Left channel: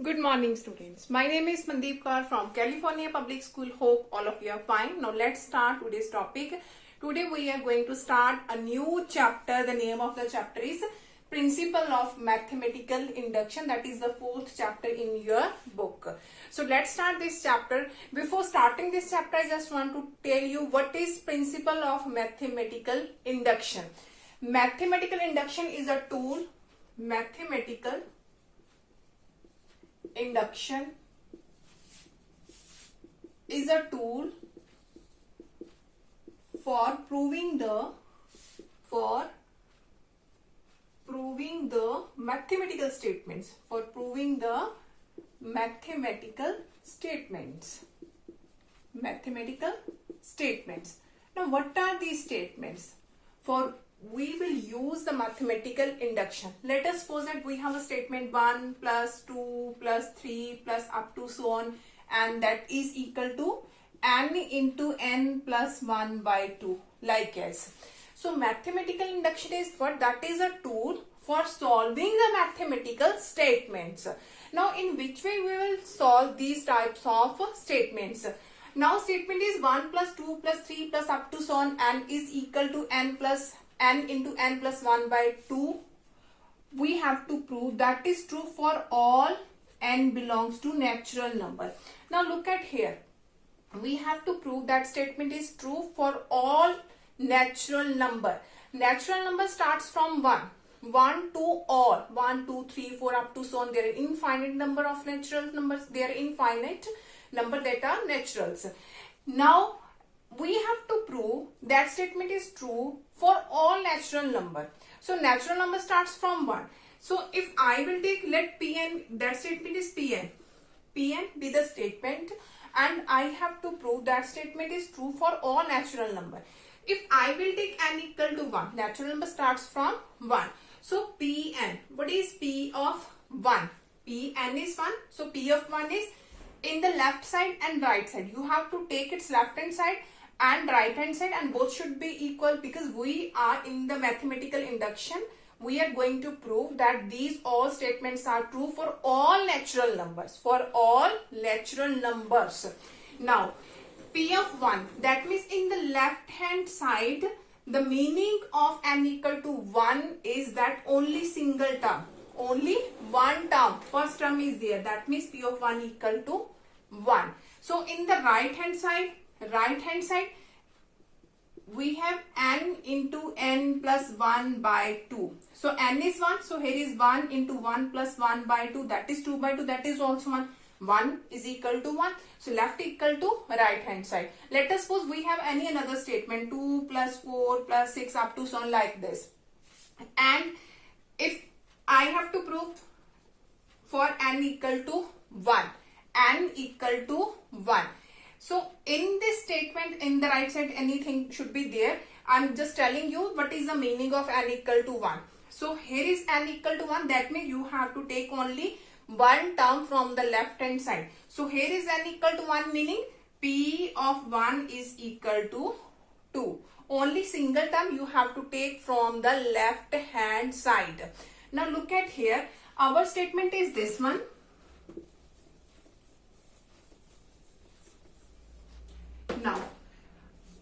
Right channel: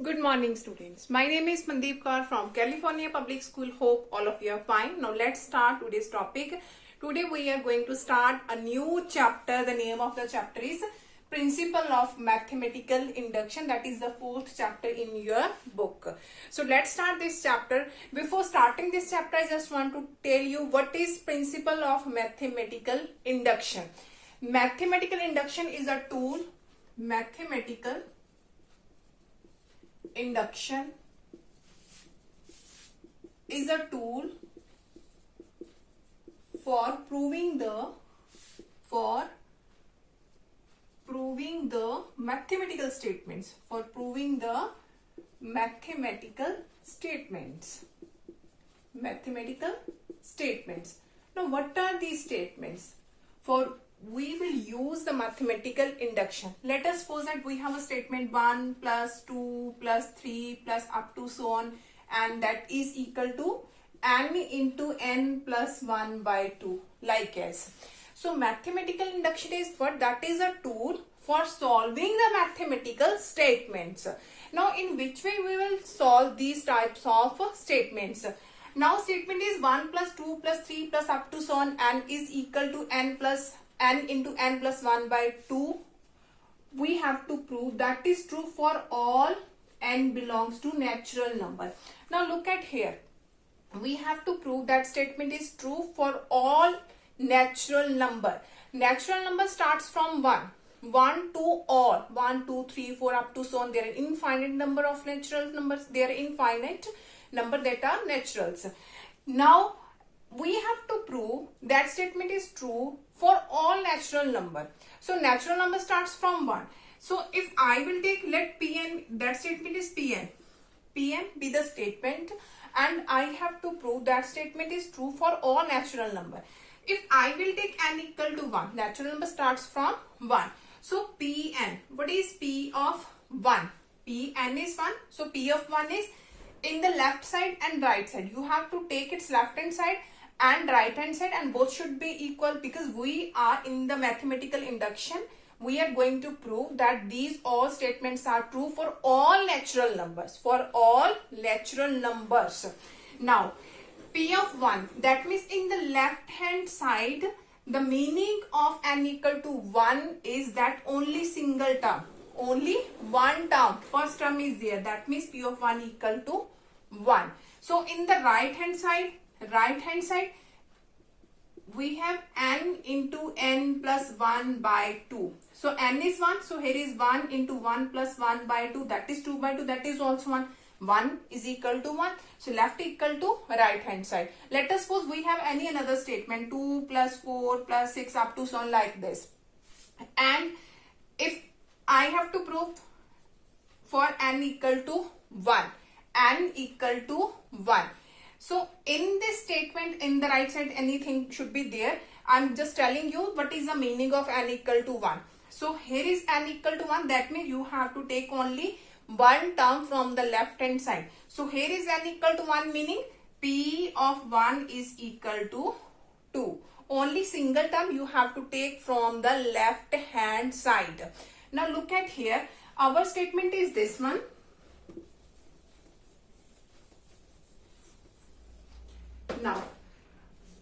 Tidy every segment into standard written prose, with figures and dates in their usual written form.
Good morning, students. My name is Mandeep Kaur from California Public School. Hope all of you are fine. Now let's start today's topic. Today we are going to start a new chapter. The name of the chapter is Principle of Mathematical Induction. That is the fourth chapter in your book. So let's start this chapter. Before starting this chapter, I just want to tell you what is Principle of Mathematical Induction. Mathematical induction is a tool. Mathematical induction is a tool for proving the mathematical statements. Mathematical statements. Now, what are these statements? We will use the mathematical induction. Let us suppose that we have a statement 1 plus 2 plus 3 plus up to so on, and that is equal to n into n plus 1 by 2, like as. So mathematical induction is what? That is a tool for solving the mathematical statements. Now, in which way we will solve these types of statements? Now, statement is 1 plus 2 plus 3 plus up to so on, n is equal to n into n plus 1 by 2. We have to prove that is true for all n belongs to natural number. Now look at here. We have to prove that statement is true for all natural number. Natural number starts from 1. 1 to all. 1, 2, 3, 4 up to so on. There are infinite number of natural numbers. There are infinite number that are naturals. Now we have to prove that statement is true for all natural number. So natural number starts from 1. So if I will take, let Pn, that statement is Pn. Pn be the statement, and I have to prove that statement is true for all natural number. If I will take n equal to 1, natural number starts from 1. So Pn, what is P of 1? Pn is 1. So P of 1 is in the left side and right side. You have to take its left hand side and right hand side, and both should be equal, because we are in the mathematical induction. We are going to prove that these all statements are true for all natural numbers. Now, P of 1, that means in the left hand side, the meaning of n equal to 1 is that only single term. Only one term. First term is there. That means P of 1 equal to 1. So in the right hand side, we have n into n plus 1 by 2. So n is 1. So here is 1 into 1 plus 1 by 2. That is 2 by 2. That is also 1. 1 is equal to 1. So left equal to right hand side. Let us suppose we have any another statement. 2 plus 4 plus 6 up to so on, like this. And if I have to prove for n equal to 1. N equal to 1. So in this statement, in the right side, anything should be there. I'm just telling you what is the meaning of n equal to 1. So here is n equal to 1. That means you have to take only one term from the left hand side. So here is n equal to 1, meaning P of 1 is equal to 2. Only single term you have to take from the left hand side. Now look at here. Our statement is this one. Now,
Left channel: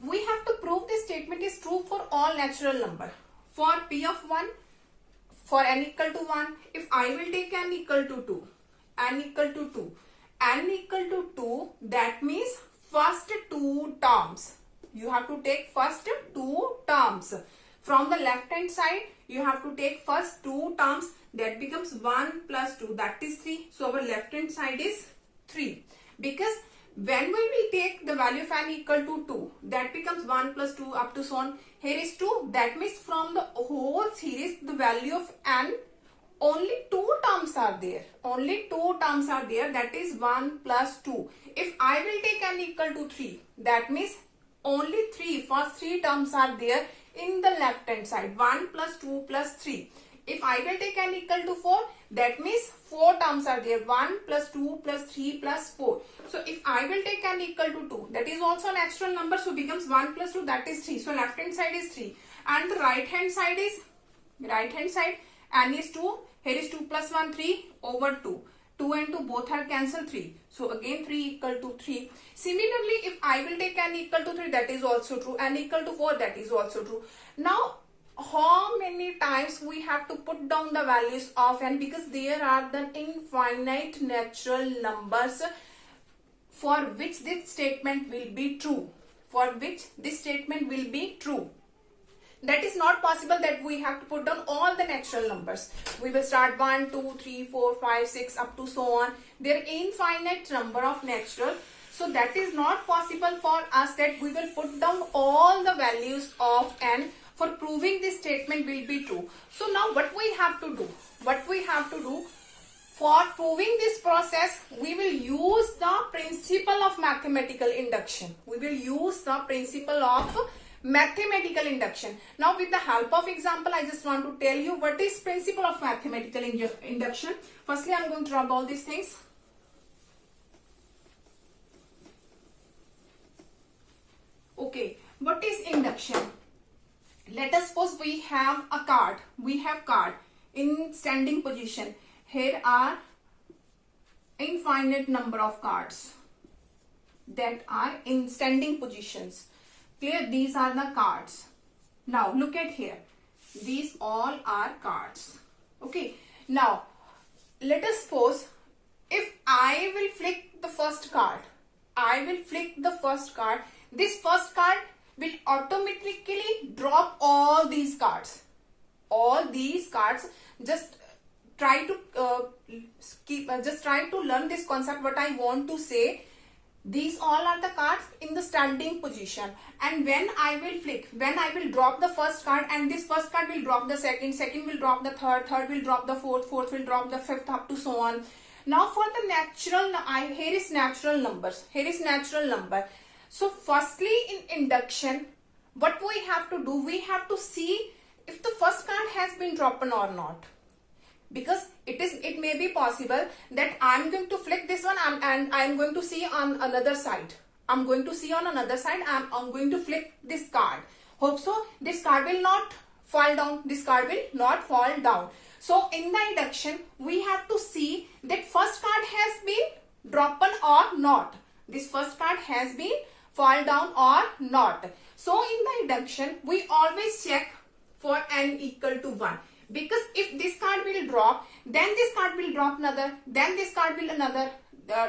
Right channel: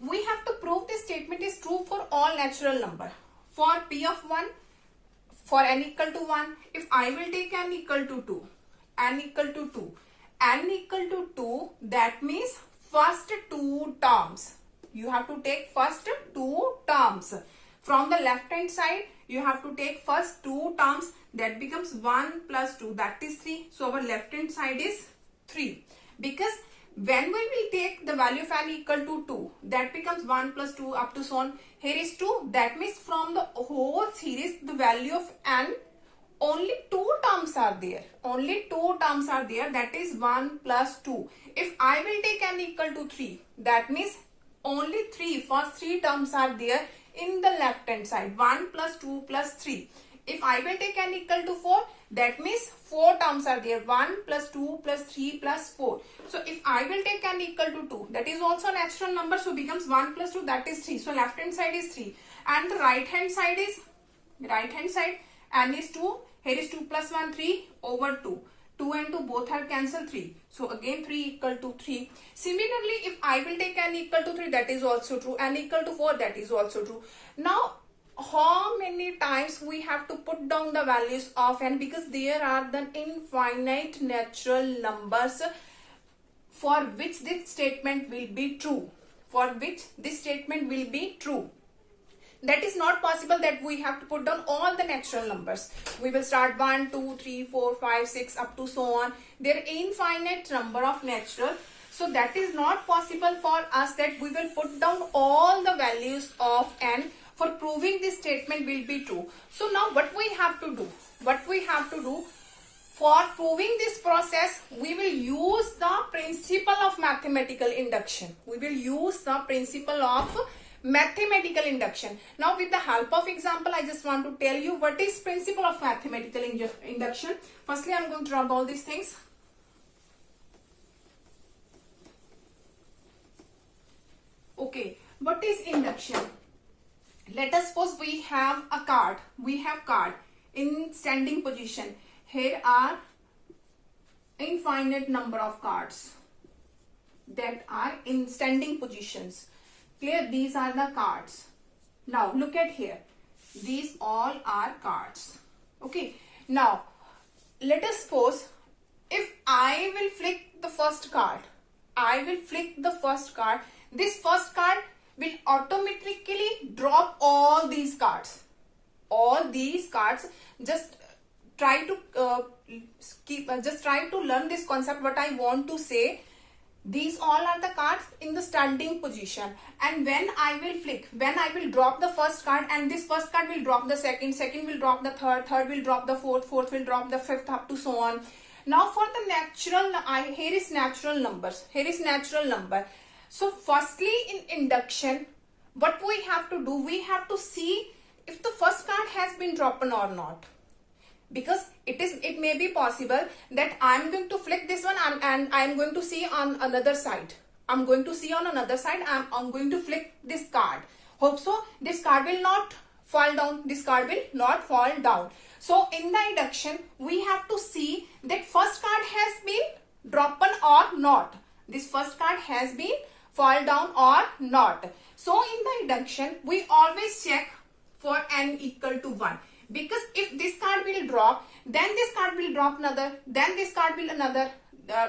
we have to prove this statement is true for all natural number. For P of 1, for n equal to 1, if I will take n equal to 2, n equal to 2, that means first two terms. You have to take first two terms. From the left hand side, you have to take first two terms. That becomes 1 plus 2, that is 3. So our left hand side is 3. Because when we will take the value of n equal to 2, that becomes 1 plus 2 up to so on. Here is 2. That means from the whole series, the value of n, only two terms are there. That is 1 plus 2. If I will take n equal to 3, that means only first three terms are there in the left hand side. 1 plus 2 plus 3. If I will take n equal to 4, that means 4 terms are there. 1 plus 2 plus 3 plus 4. So if I will take n equal to 2, that is also a natural number. So becomes 1 plus 2, that is 3. So left hand side is 3. And the right hand side n is 2. Here is 2 plus 1, 3 over 2. 2 and 2 both are cancelled, 3. So again 3 equal to 3. Similarly, if I will take n equal to 3, that is also true. N equal to 4, that is also true. Now, how many times we have to put down the values of n, because there are the infinite natural numbers for which this statement will be true. For which this statement will be true. That is not possible that we have to put down all the natural numbers. We will start 1, 2, 3, 4, 5, 6 up to so on. There are infinite number of natural. So that is not possible for us that we will put down all the values of n for proving this statement will be true. So now what we have to do? What we have to do? For proving this process, we will use the principle of mathematical induction. We will use the principle of mathematical induction. Now with the help of example, I just want to tell you what is principle of mathematical induction. Firstly, I am going to draw all these things. Okay, what is induction? Let us suppose we have a card. We have card in standing position. Here are infinite number of cards that are in standing positions. Clear? These are the cards. Now look at here. These all are cards. Okay. Now let us suppose if I will flick the first card. I will flick the first card. This first card will automatically drop all these cards. All these cards. Just try to learn this concept. What I want to say. These all are the cards in the standing position, and when I will flick, when I will drop the first card, and this first card will drop the second, second will drop the third, third will drop the fourth, fourth will drop the fifth, up to so on. Now for the natural, here is natural numbers, here is natural number. So firstly in induction, what we have to do, we have to see if the first card has been dropped or not. Because it may be possible that I'm going to flick this one and I'm going to see on another side. I'm going to see on another side. I'm going to flick this card. Hope so. This card will not fall down. This card will not fall down. So in the induction, we have to see that first card has been dropped or not. This first card has been fall down or not. So in the induction, we always check for n equal to 1. Because if this card will drop, then this card will drop another, then this card will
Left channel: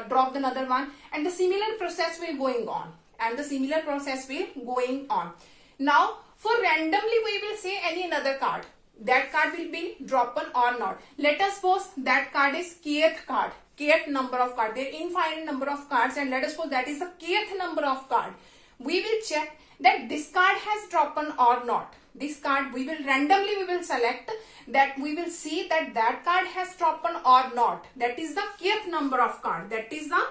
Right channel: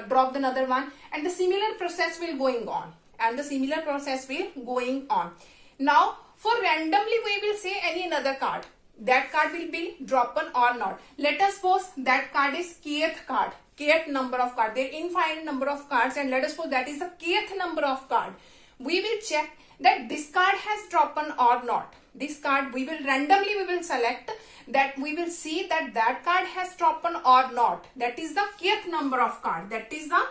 drop another one, and the similar process will going on. And the similar process will going on. Now, for randomly we will say any another card. That card will be dropped or not. Let us suppose that card is kth card. Kth number of card. There are infinite number of cards, and let us suppose that is the kth number of card. We will check that this card has dropped or not. This card we will randomly select that we will see that card has dropped or not. That is the kth number of card. That is the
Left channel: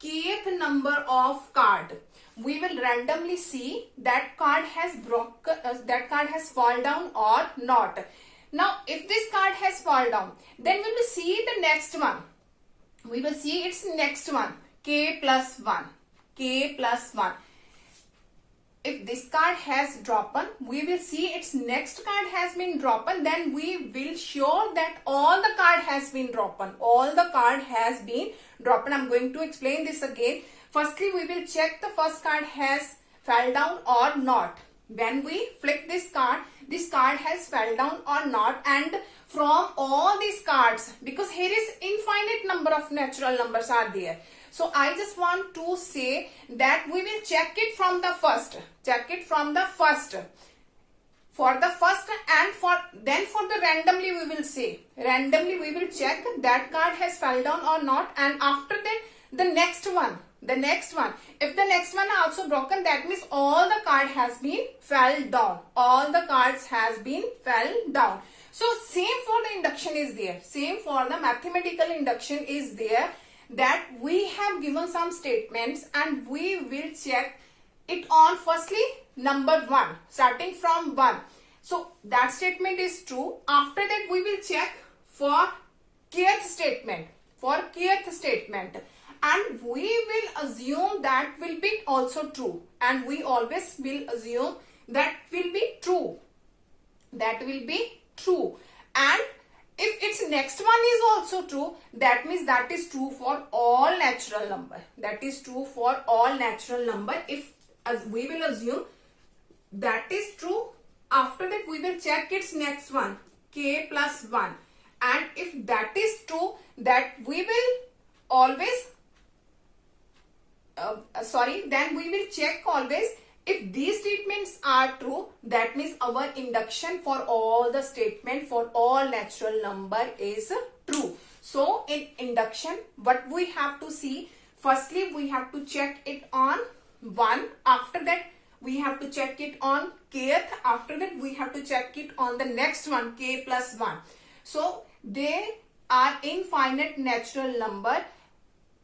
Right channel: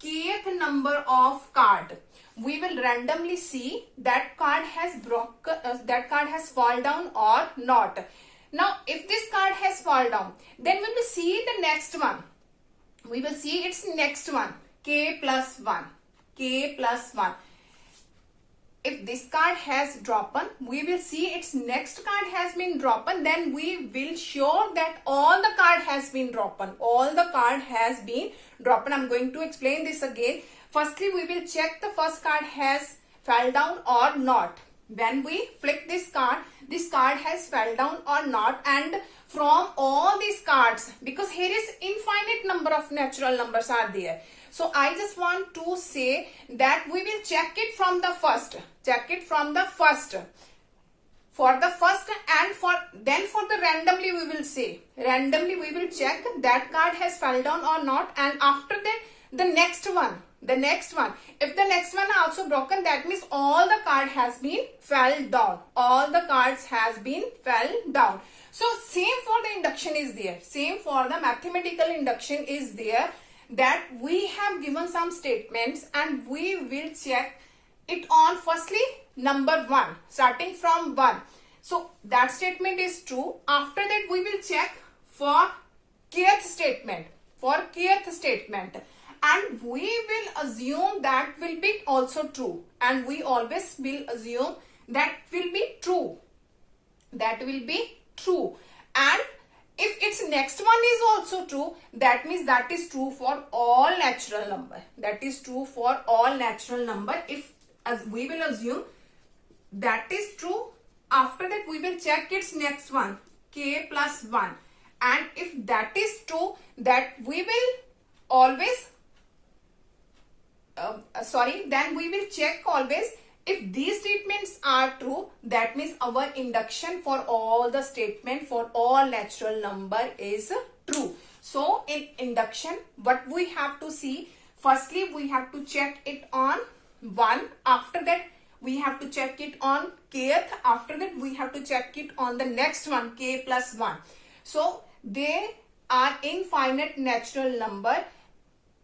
kth number of card. We will randomly see that card has that card has fall down or not. Now if this card has fall down, then we will see the next one. We will see its next one, k plus 1. K plus 1. If this card has dropped, we will see its next card has been dropped. Then we will show that all the card has been dropped. All the card has been dropped. I'm going to explain this again. Firstly, we will check the first card has fell down or not. When we flick this card has fell down or not. And from all these cards, because here is infinite number of natural numbers are there. So I just want to say that we will check it from the first. Check it from the first. For the first and for the randomly we will say. Randomly we will check that card has fell down or not. And after that the next one. The next one. If the next one also broken, that means all the card has been fell down. All the cards has been fell down. So same for the induction is there. Same for the mathematical induction is there. That we have given some statements and we will check it on firstly number 1, starting from 1. So that statement is true. After that we will check for kth statement. For kth statement. And we will assume that will be also true. And we always will assume that will be true. That will be true. And If its next one is also true, that means that is true for all natural number. That is true for all natural number. If we will assume that is true, after that we will check its next one, k plus 1. And if that is true, that we will always, then we will check always if these statements are true, that means our induction for all the statement for all natural number is true. So in induction, what we have to see, firstly we have to check it on 1. After that we have to check it on kth. After that we have to check it on the next one, k plus 1. So they are infinite natural number.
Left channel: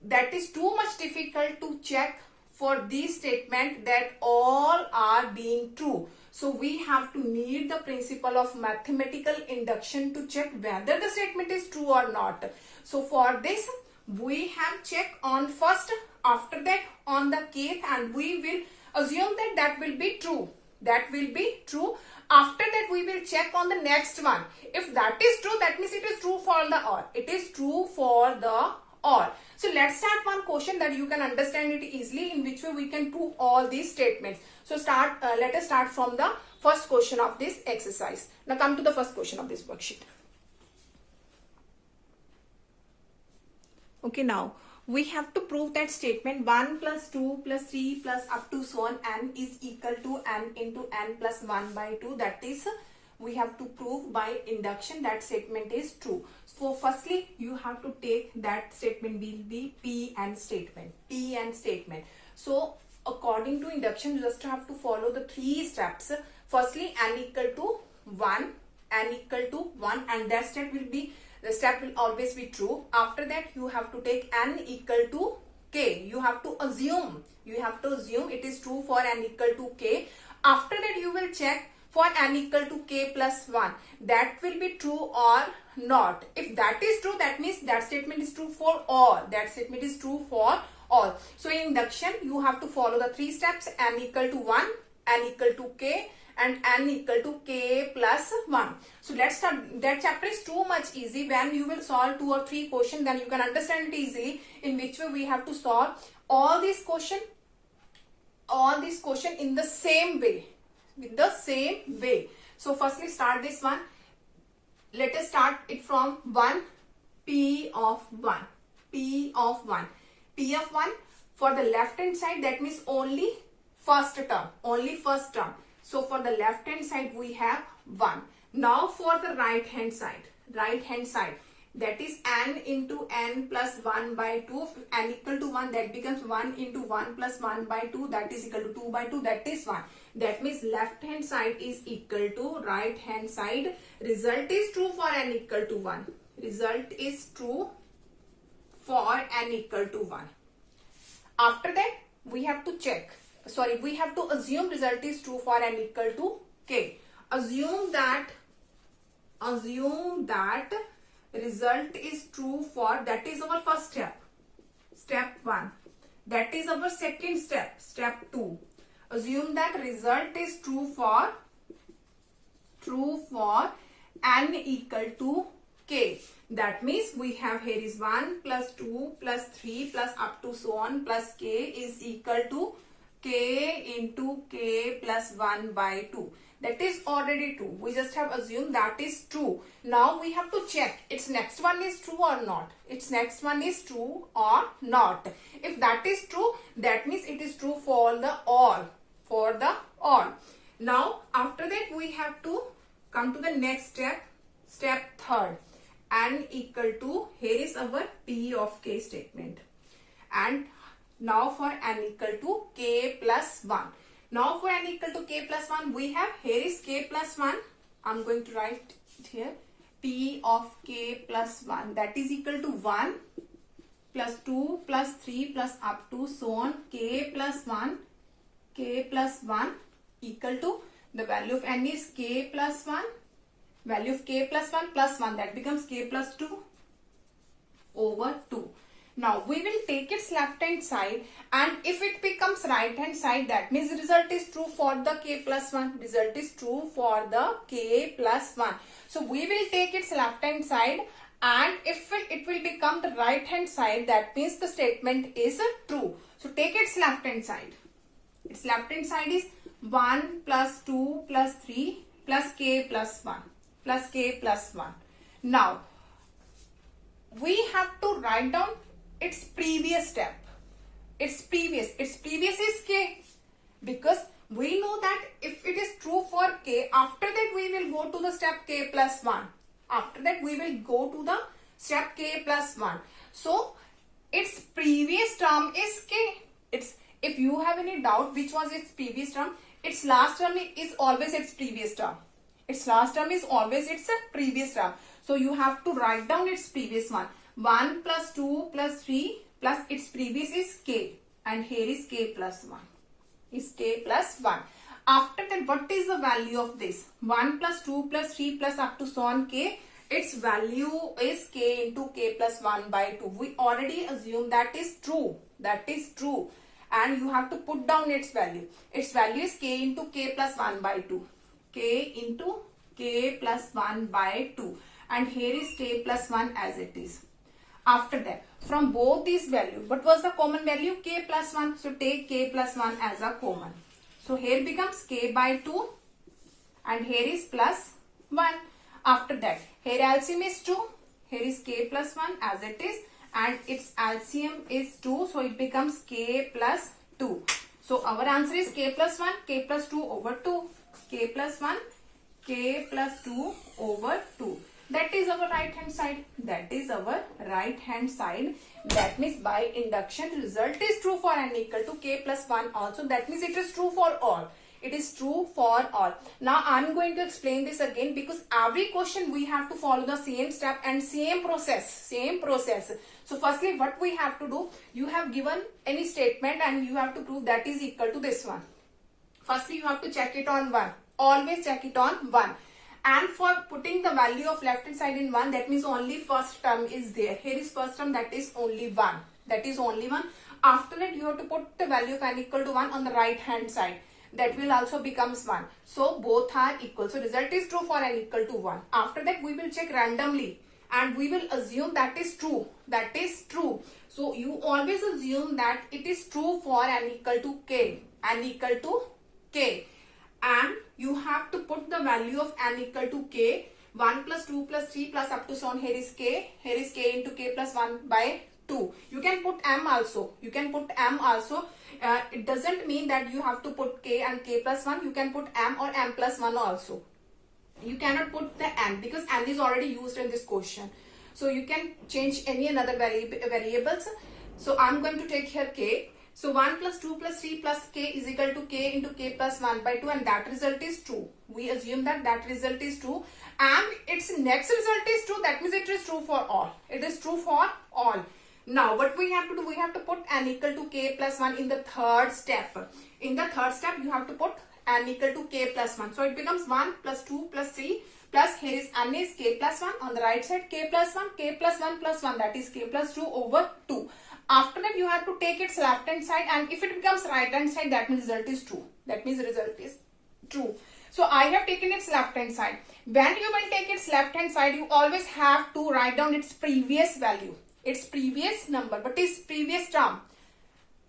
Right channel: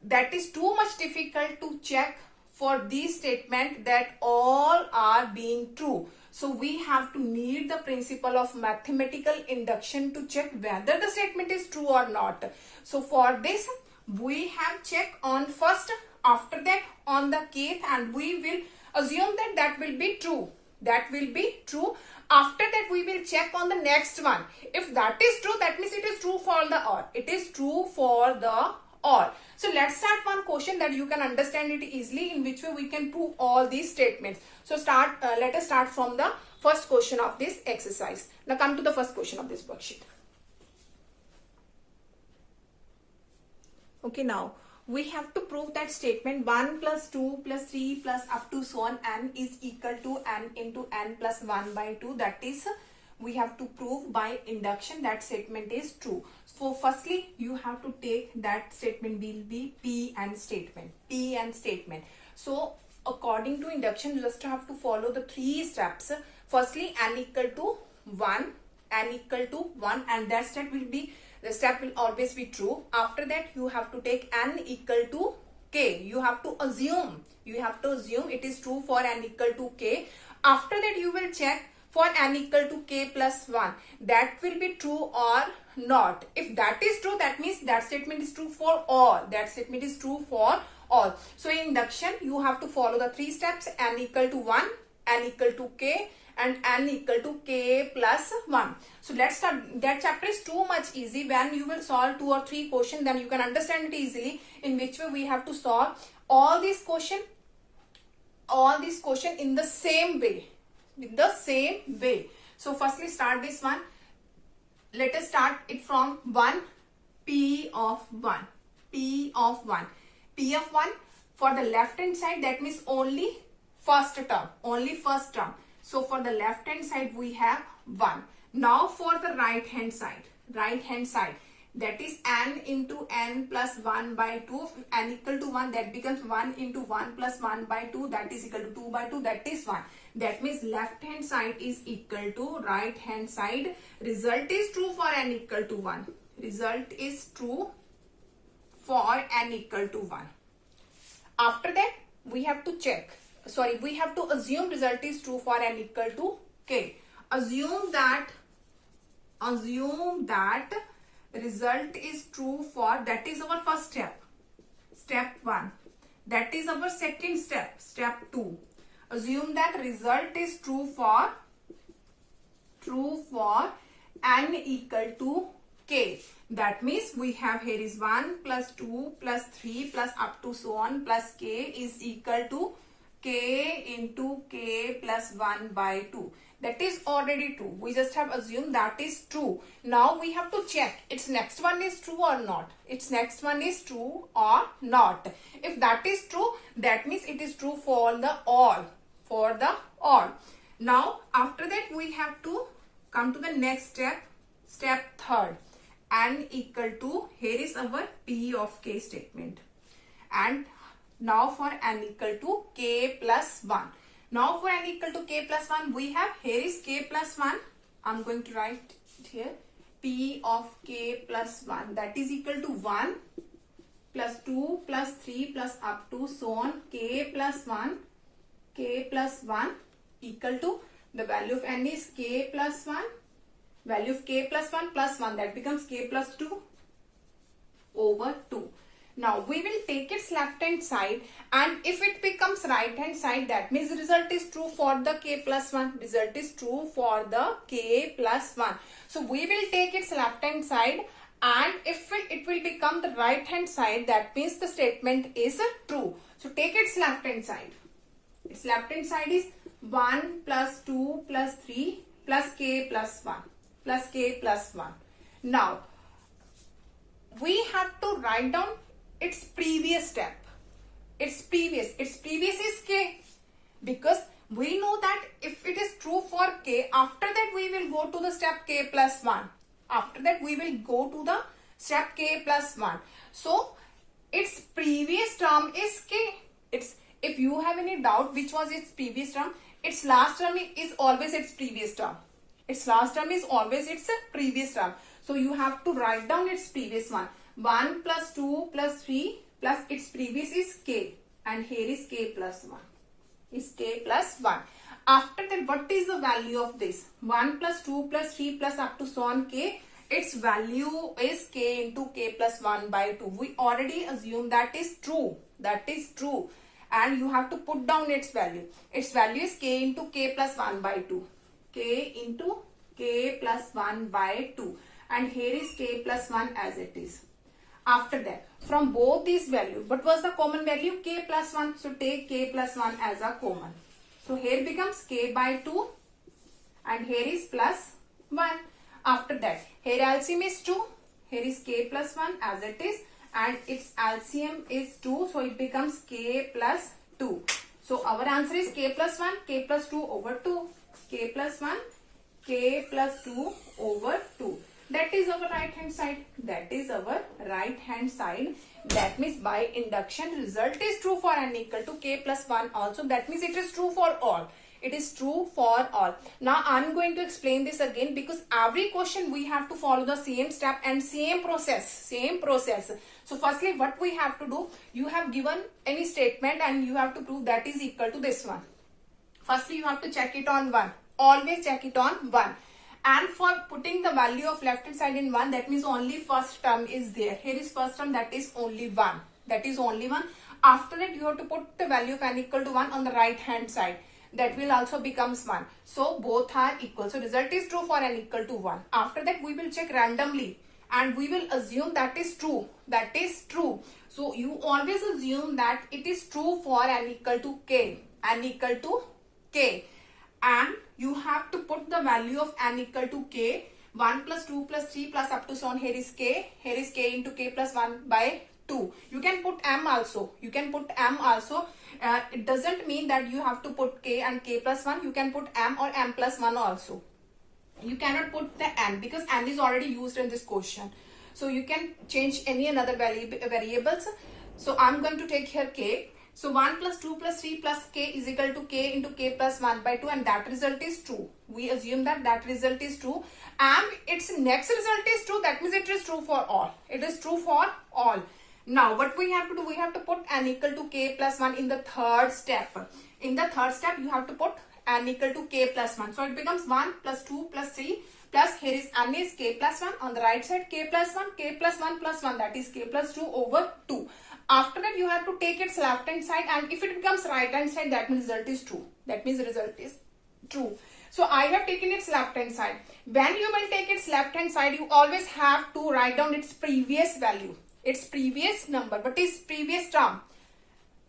That is too much difficult to check for these statement that all are being true. So we have to need the principle of mathematical induction to check whether the statement is true or not. So for this we have check on first, after that on the kth, and we will assume that that will be true. That will be true. After that we will check on the next one. If that is true, that means it is true for the all. It is true for the all. So let's start one question that you can understand it easily, in which way we can prove all these statements. So let us start from the first question of this exercise. Now come to the first question of this worksheet. Okay, now we have to prove that statement 1 plus 2 plus 3 plus up to so on n is equal to n into n plus 1 by 2. That is, we have to prove by induction that statement is true. So firstly you have to take that statement will be P and statement. P and statement. So according to induction you just have to follow the 3 steps. Firstly n equal to 1, n equal to 1, and that step will be, the step will always be true. After that you have to take n equal to k. You have to assume it is true for n equal to k. After that you will check for n equal to k plus 1. That will be true or not. If that is true, that means that statement is true for all. That statement is true for all. So in induction you have to follow the 3 steps: n equal to 1, n equal to k, and n equal to k plus 1. So let's start. That chapter is too much easy. When you will solve 2 or 3 questions, then you can understand it easily in which way we have to solve all these questions in the same way. With the same way. So firstly start this one. Let us start it from 1. P of 1. P of 1. P of 1 for the left hand side, that means only first term. Only first term. So for the left hand side we have 1. Now for the right hand side. Right hand side. That is n into n plus 1 by 2. N equal to 1, that becomes 1 into 1 plus 1 by 2. That is equal to 2 by 2. That is 1. That means left hand side is equal to right hand side. Result is true for n equal to 1. Result is true for n equal to 1. After that we have to check. We have to assume result is true for n equal to k. Assume that result is true for, that is our first step. Step 1. That is our second step. Step 2. Assume that result is true for n equal to k. That means we have here is 1 plus 2 plus 3 plus up to so on plus k is equal to k into k plus 1 by 2. That is already true. We just have assumed that is true. Now we have to check its next one is true or not. Its next one is true or not. If that is true, that means it is true for the all. For the all. Now after that we have to come to the next step. Step 3rd. N equal to, here is our P of k statement. And now for n equal to k plus 1. Now for n equal to k plus 1 we have, here is k plus 1. I'm going to write it here. P of k plus 1, that is equal to 1 plus 2 plus 3 plus up to so on k plus 1 equal to, the value of n is k plus 1. Value of k plus 1 plus 1, that becomes k plus 2 over 2. Now we will take its left hand side, and if it becomes right hand side, that means result is true for the k plus 1. Result is true for the k plus 1. So we will take its left hand side, and if it will become the right hand side, that means the statement is true. So take its left hand side. Its left hand side is 1 plus 2 plus 3 plus k plus 1 plus k plus 1. Now we have to write down its previous step. Its previous is k, because we know that if it is true for k, after that we will go to the step k plus 1. After that we will go to the step k plus 1. So its previous term is k. If you have any doubt which was its previous term, its last term is always its previous term. Its last term is always its previous term. So you have to write down its previous one. 1 plus 2 plus 3 plus its previous is k, and here is k plus 1. Is k plus 1. After that, what is the value of this? 1 plus 2 plus 3 plus up to so on k. Its value is k into k plus 1 by 2. We already assume that is true. That is true. And you have to put down its value. Its value is k into k plus 1 by 2. K into k plus 1 by 2. And here is k plus 1 as it is. After that, from both these values, what was the common value? K plus 1. So take k plus 1 as a common. So here becomes k by 2, and here is plus 1. After that, here LCM is 2. Here is k plus 1 as it is, and its LCM is 2. So it becomes k plus 2. So our answer is k plus 1, k plus 2 over 2. K plus 1, k plus 2 over 2. That is our right hand side. That is our right hand side. That means by induction, result is true for n equal to k plus 1 also. That means it is true for all. It is true for all. Now I am going to explain this again, because every question we have to follow the same step and same process. Same process. So firstly, what we have to do, you have given any statement and you have to prove that is equal to this one. Firstly, you have to check it on 1. Always check it on 1. And for putting the value of left hand side in 1, that means only first term is there. Here is first term, that is only 1. That is only 1. After that, you have to put the value of n equal to 1 on the right hand side. That will also becomes 1. So both are equal. So result is true for n equal to 1. After that, we will check randomly and we will assume that is true. That is true. So you always assume that it is true for n equal to k. N equal to k. And you have to put the value of n equal to k. 1 plus 2 plus 3 plus up to so on. Here is k. Here is k into k plus 1 by 2. You can put m also. You can put m also. It doesn't mean that you have to put k and k plus 1. You can put m or m plus 1 also. You cannot put the n because n is already used in this question. So you can change any another variables. So I'm going to take here k. So 1 plus 2 plus 3 plus k is equal to k into k plus 1 by 2, and that result is true. We assume that that result is true, and its next result is true. That means it is true for all. It is true for all. Now what we have to do, we have to put n equal to k plus 1 in the third step. In the third step, you have to put n equal to k plus 1. So it becomes 1 plus 2 plus 3 plus here is n is k plus 1. On the right side, k plus 1, k plus 1 plus 1, that is k plus 2 over 2. After that, you have to take its left hand side, and if it becomes right hand side, that means result is true. That means the result is true. So I have taken its left hand side. When you will take its left hand side, you always have to write down its previous value, its previous number, what is previous term.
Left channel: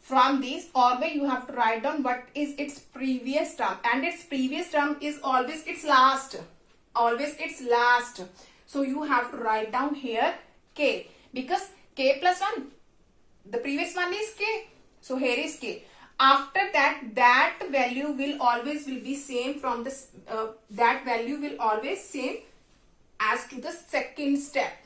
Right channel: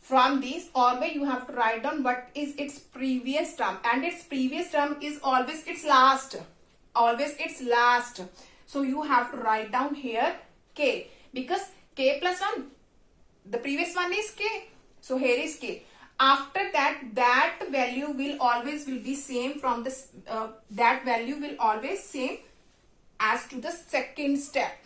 From this, always you have to write down what is its previous term, and its previous term is always its last. Always its last. So you have to write down here k, because k plus 1, the previous one is k. So here is k. After that, that value will always be same from this. That value will always same as to the second step.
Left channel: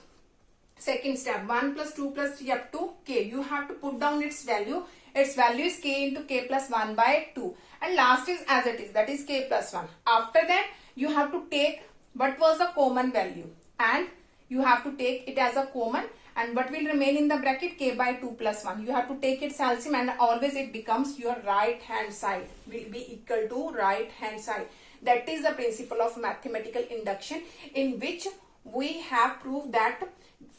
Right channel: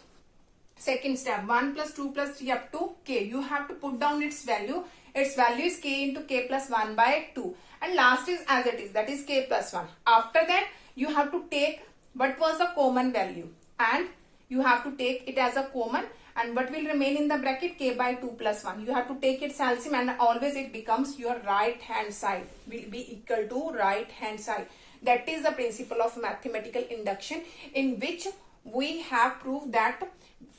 Second step, 1 plus 2 plus 3 up to k. You have to put down its value. Its value is k into k plus 1 by 2. And last is as it is, that is k plus 1. After that, you have to take what was the common value, and you have to take it as a common, and what will remain in the bracket, k by 2 plus 1. You have to take its LCM, and always it becomes your right hand side, will be equal to right hand side. That is the principle of mathematical induction, in which we have proved that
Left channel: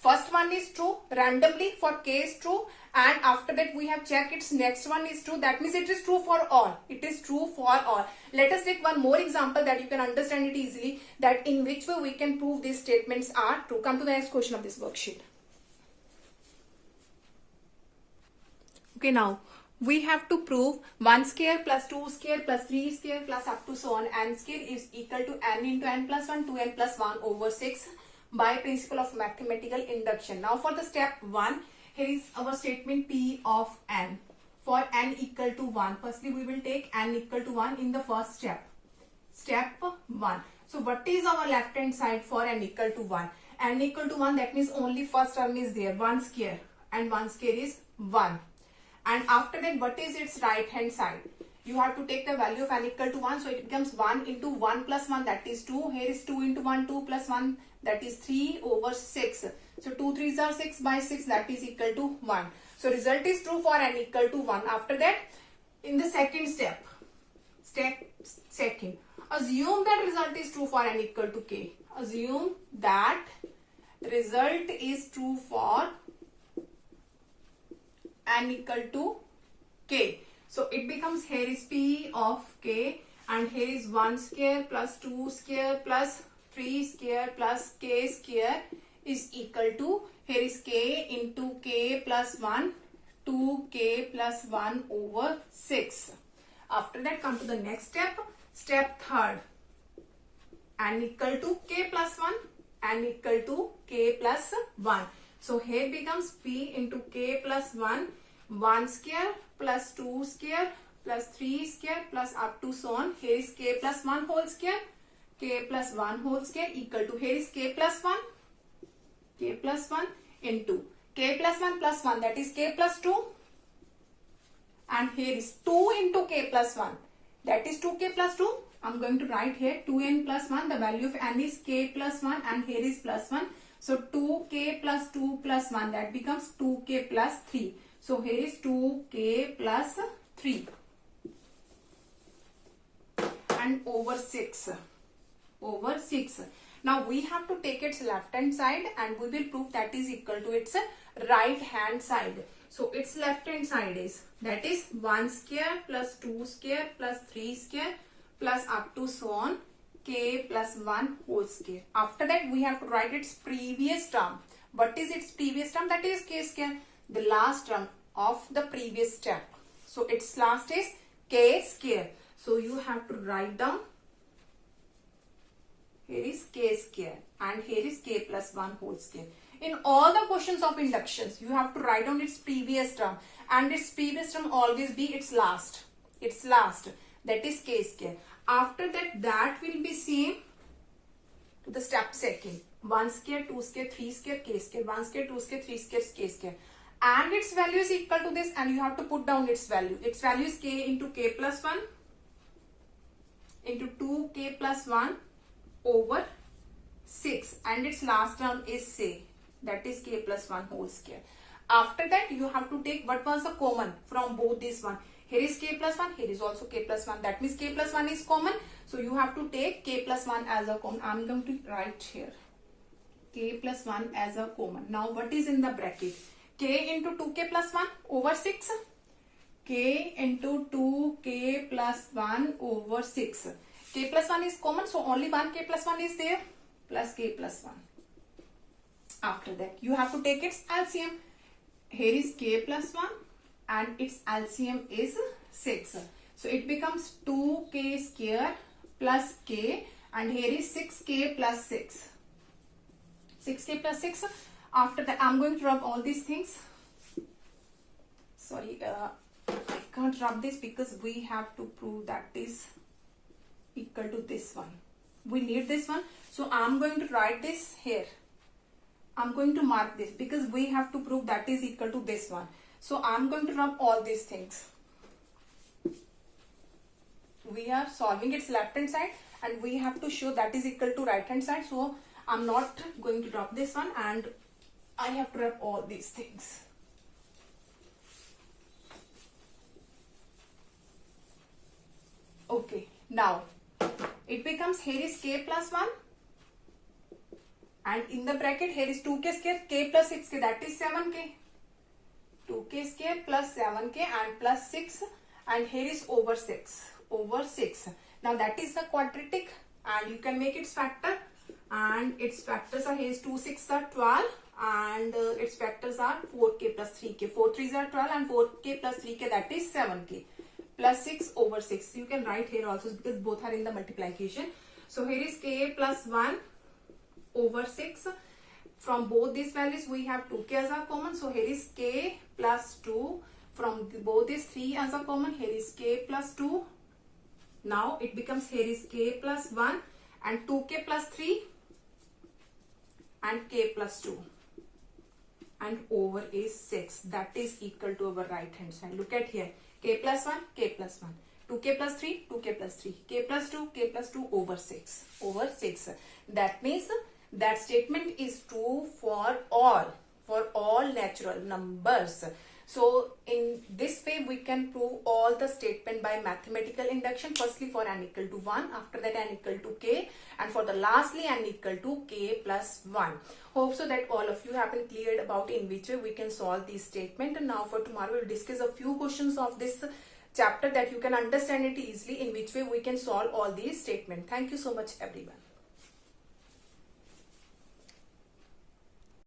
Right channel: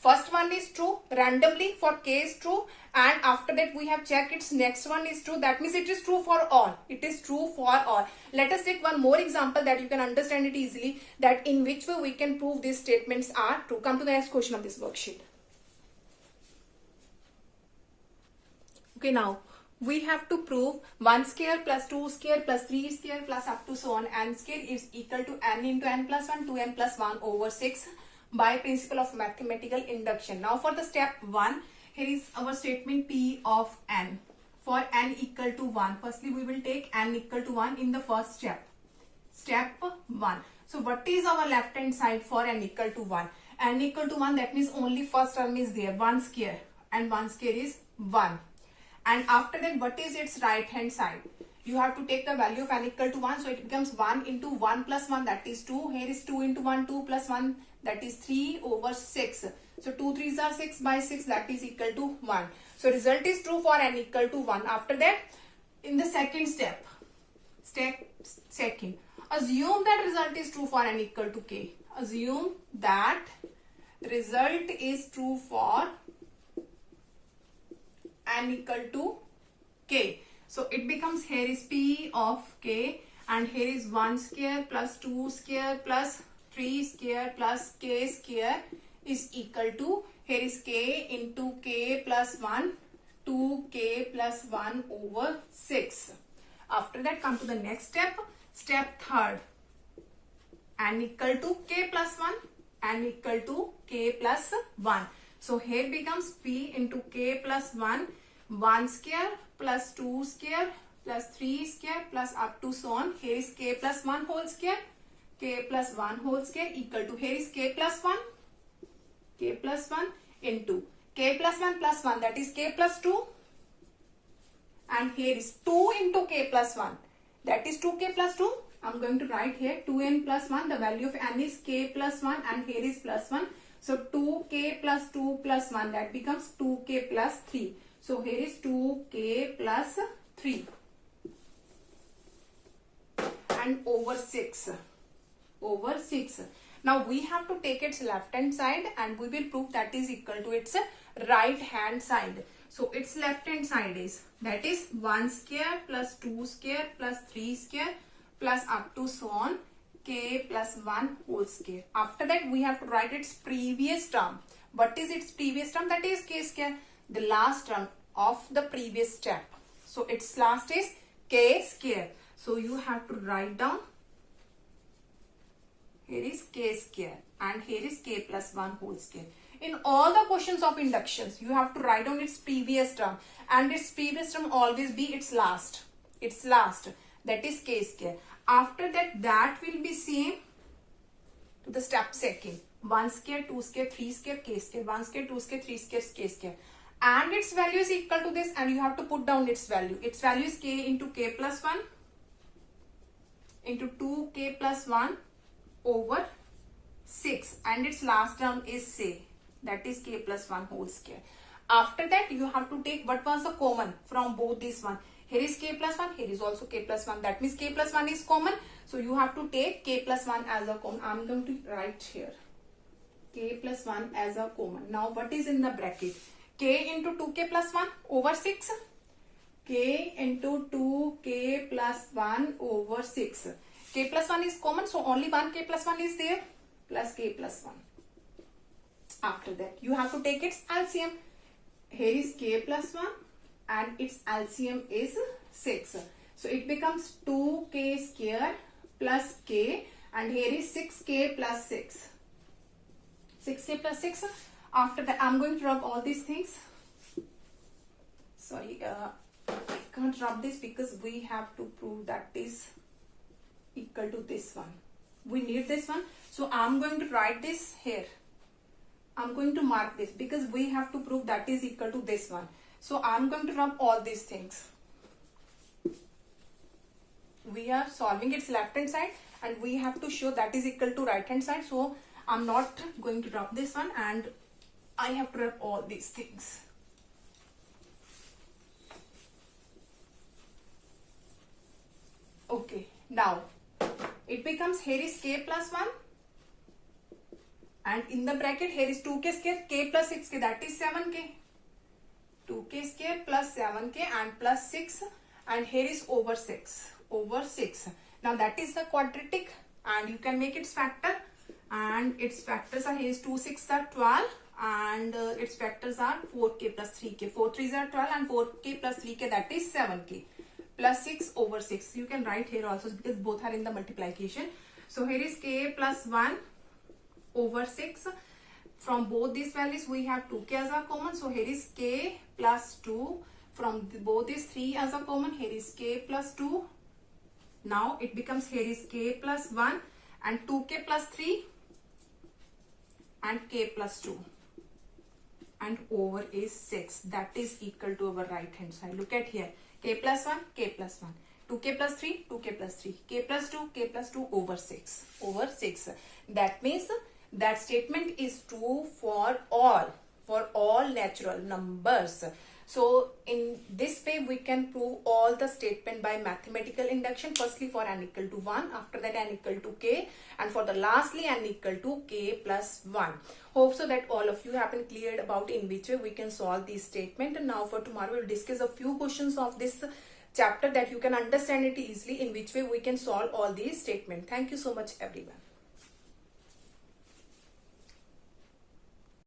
First one is true randomly for k is true, and after that we have checked its next one is true. That means it is true for all. It is true for all. Let us take one more example that you can understand it easily, that in which way we can prove these statements are true. Come to the next question of this worksheet. Okay, now we have to prove 1 square plus 2 square plus 3 square plus up to so on n square is equal to n into n plus 1 2n plus 1 over 6 by principle of mathematical induction. Now for the step 1, here is our statement P of n. For n equal to 1, firstly we will take n equal to 1 in the first step. Step 1. So what is our left hand side for n equal to 1? N equal to 1, that means only first term is there, 1 square, and 1 square is 1. And after that, what is its right hand side? You have to take the value of n equal to 1. So it becomes 1 into 1 plus 1, that is 2. Here is 2 into 1, 2 plus 1, that is 3 over 6. So 2 3s are 6 by 6, that is equal to 1. So result is true for n equal to 1. After that, in the second step second, assume that result is true for n equal to k. Assume that result is true for n equal to k. So it becomes, here is P of k, and here is 1 square plus 2 square plus 3 square plus k square is equal to, here is k into k plus 1, 2k plus 1 over 6. After that, come to the next step, step third, n equal to k plus 1, n equal to k plus 1. So here becomes P into k plus 1, 1 square plus 2 square plus 3 square plus up to so on. Here is k plus 1 whole square, k plus 1 whole square equal to, here is k plus 1 into k plus 1, that is k plus 2, and here is 2 into k plus 1, that is 2k plus 2. I'm going to write here 2n plus 1, the value of n is k plus 1, and here is plus 1. So 2k plus 2 plus 1, that becomes 2k plus 3. So here is 2k plus 3 and over 6. Now we have to take its left hand side and we will prove that is equal to its right hand side. So its left hand side is, that is 1 square plus 2 square plus 3 square plus up to so on k plus 1 whole square. After that we have to write its previous term. What is its previous term? That is k square, the last term of the previous step. So its last is k square. So you have to write down, here is k square and here is k plus 1 whole square. In all the questions of inductions, you have to write down its previous term, and its previous term always be its last, that is k square. After that, that will be same to the step second, 1 square, 2 square, 3 square, k square, 1 square, 2 square, 3 square, k square, and its value is equal to this, and you have to put down its value. Its value is k into k plus 1 into 2k plus 1 over 6, and its last term is say, that is k plus 1 whole square. After that, you have to take what was the common from both this one. Here is k plus 1, here is also k plus 1. That means k plus 1 is common. So you have to take k plus 1 as a common. I am going to write here k plus 1 as a common. Now what is in the bracket? K into 2k plus 1 over 6. K into 2k plus 1 over 6. K plus 1 is common, so only one k plus 1 is there, plus k plus 1. After that, you have to take its LCM. Here is k plus 1 and its LCM is 6. So it becomes 2k square plus k, and here is 6k plus 6. 6k plus 6. After that, I'm going to rub all these things. Sorry, I can't rub this because we have to prove that is equal to this one. We need this one. So I'm going to write this here. I'm going to mark this because we have to prove that is equal to this one. So I'm going to rub all these things. We are solving its left hand side and we have to show that is equal to right hand side. So I'm not going to rub this one, and I have to rub all these things. Okay, now it becomes, here is k plus 1 and in the bracket here is 2k square, k plus 6k, that is 7k. 2k square plus 7k and plus 6, and here is over 6. Now that is the quadratic, and you can make its factor, and its factors are, here is 2 6 are 12, and its factors are 4k plus 3k. 4 3s are 12 and 4k plus 3k, that is 7k plus 6 over 6. You can write here also because both are in the multiplication. So here is k plus 1 over 6. From both these values we have 2k as a common. So here is k plus 2. From both these 3 as a common, here is k plus 2. Now it becomes, here is k plus 1 and 2k plus 3 and k plus 2. And over is 6. That is equal to our right hand side. Look at here. K plus 1, k plus 1. 2k plus 3, 2k plus 3. K plus 2, k plus 2 over 6. Over 6. That means that statement is true for all natural numbers. So in this way we can prove all the statement by mathematical induction. Firstly for n equal to 1, after that n equal to k, and for the lastly n equal to k plus 1. Hope so that all of you have been cleared about in which way we can solve this statement. And now for tomorrow we'll discuss a few questions of this chapter that you can understand it easily, in which way we can solve all these statements. Thank you so much everyone.